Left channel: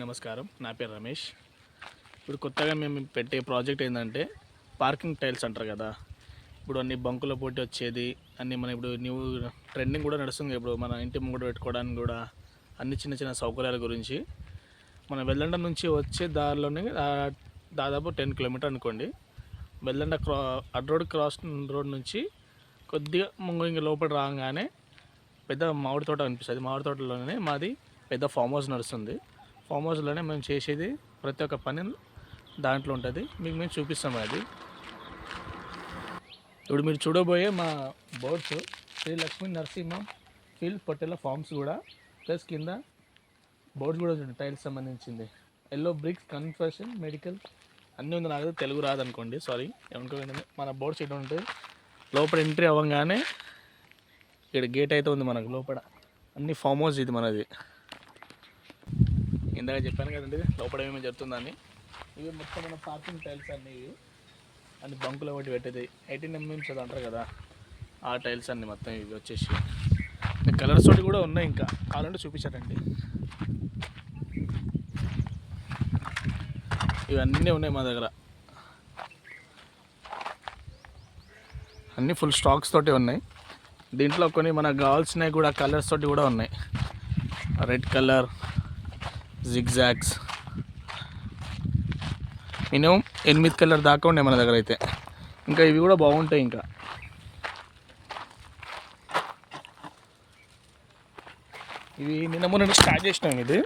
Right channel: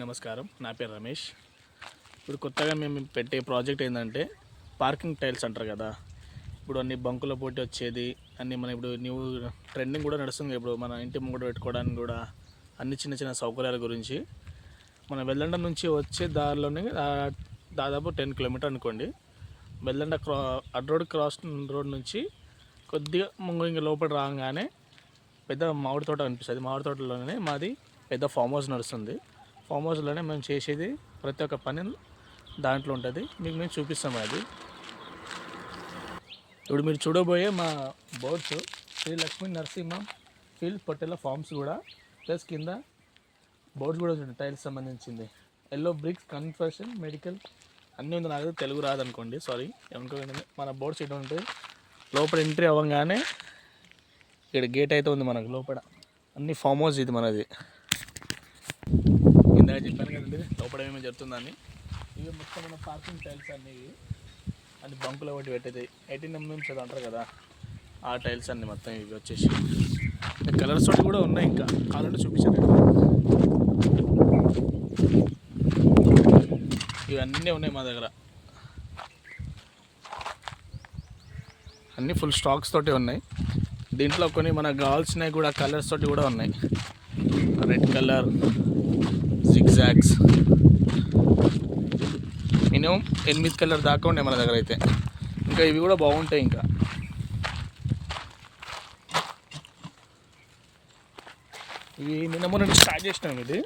నమస్కారం, నా పేరు రమేష్. ఇప్పుడు కొత్తగా మేము పెట్టే ప్రాజెక్ట్ ఏంటంటే పార్కింగ్ టైల్స్ అంటారు కదా. ఇప్పుడు అన్ని బంకుల పోటీ వచ్చేది అన్నీ మన ఇప్పుడు న్యూ ట్రెండింగ్ కూడా నడుస్తుంది. ఇప్పుడు మన ఇంటి ముంగట పెట్టుకోవడానికి కూడా అన్ని చిన్న చిన్న సౌకర్యాల గురించి మన వెల్లండ నుంచి వచ్చే దారిలోనే దాదాపు 10 కిలోమీటర్ అనుకోండి. వెల్లండ క్రాస్ రోడ్ నుంచి కొద్దిగా ఇంక లోపల రాగానే పెద్ద మామిడి తోట అనిపిస్తుంది. మామిడి తోటలోనే మాది పెద్ద ఫామ్ హౌస్ నడుస్తుంది. ఫామ్ హౌస్లోనే మేము చేసేది ప్రతి ఒక్క పని దాంట్లో ఉంటుంది. మీకు మేము చూపిస్తాం. అది ఇప్పుడు మీరు చూడబోయే మా బోర్డ్స్ శ్రీ లక్ష్మీ నరసింహ ఫీల్డ్ పొట్టెల ఫార్మ్స్ కూడా ప్లస్ కింద బోర్డ్స్ కూడా ఉంటుంది టైల్స్ సంబంధించింది. ఎల్లో బ్రిక్స్ కన్స్ట్రక్షన్ మెడికల్ అన్నీ ఉంది. నాకు తెలుగు రాదనుకోండి, సారీ. ఏమనుకోండి. మన బోర్డ్స్ ఇటు ఉంటుంది. లోపల ఎంట్రీ అవ్వగానే ఇక్కడ గేట్ అయితే ఉంది మనకు. లోపల అన్ని ఫామ్ హౌస్ ఇది మనది. ఇందాక చెప్పాను కదండి లోపల ఏమేమి జరుగుతుందని. ఇవి మొత్తం మన పార్కింగ్ టైల్స్ అన్నీ. ఇవి అన్ని బంకులో ఒకటి పెట్టేది 18 mm అది అంటారు కదా, ఆ టైల్స్ అన్నీ మొత్తం ఇవి వచ్చేసి కలర్స్ తోటి కూడా ఉన్నాయి. ఇంకా కావాలంటే చూపించాను. ఇవన్నీ ఉన్నాయి మా దగ్గర. అన్నీ ఫుల్ స్టాక్స్ తోటి ఉన్నాయి. దీంట్లో కొన్ని మనకు కావాల్సినవి కూడా కలర్స్ తోటి కూడా ఉన్నాయి. Red colour, zigzags, minimum 8 colour దాకా ఉన్నాయి మన దగ్గర అయితే. ఇంకా ఇవి కూడా బాగుంటాయి. ఇంకా ఇవి నిన్న మొన్న స్టార్ట్ చేసినాం. ఇది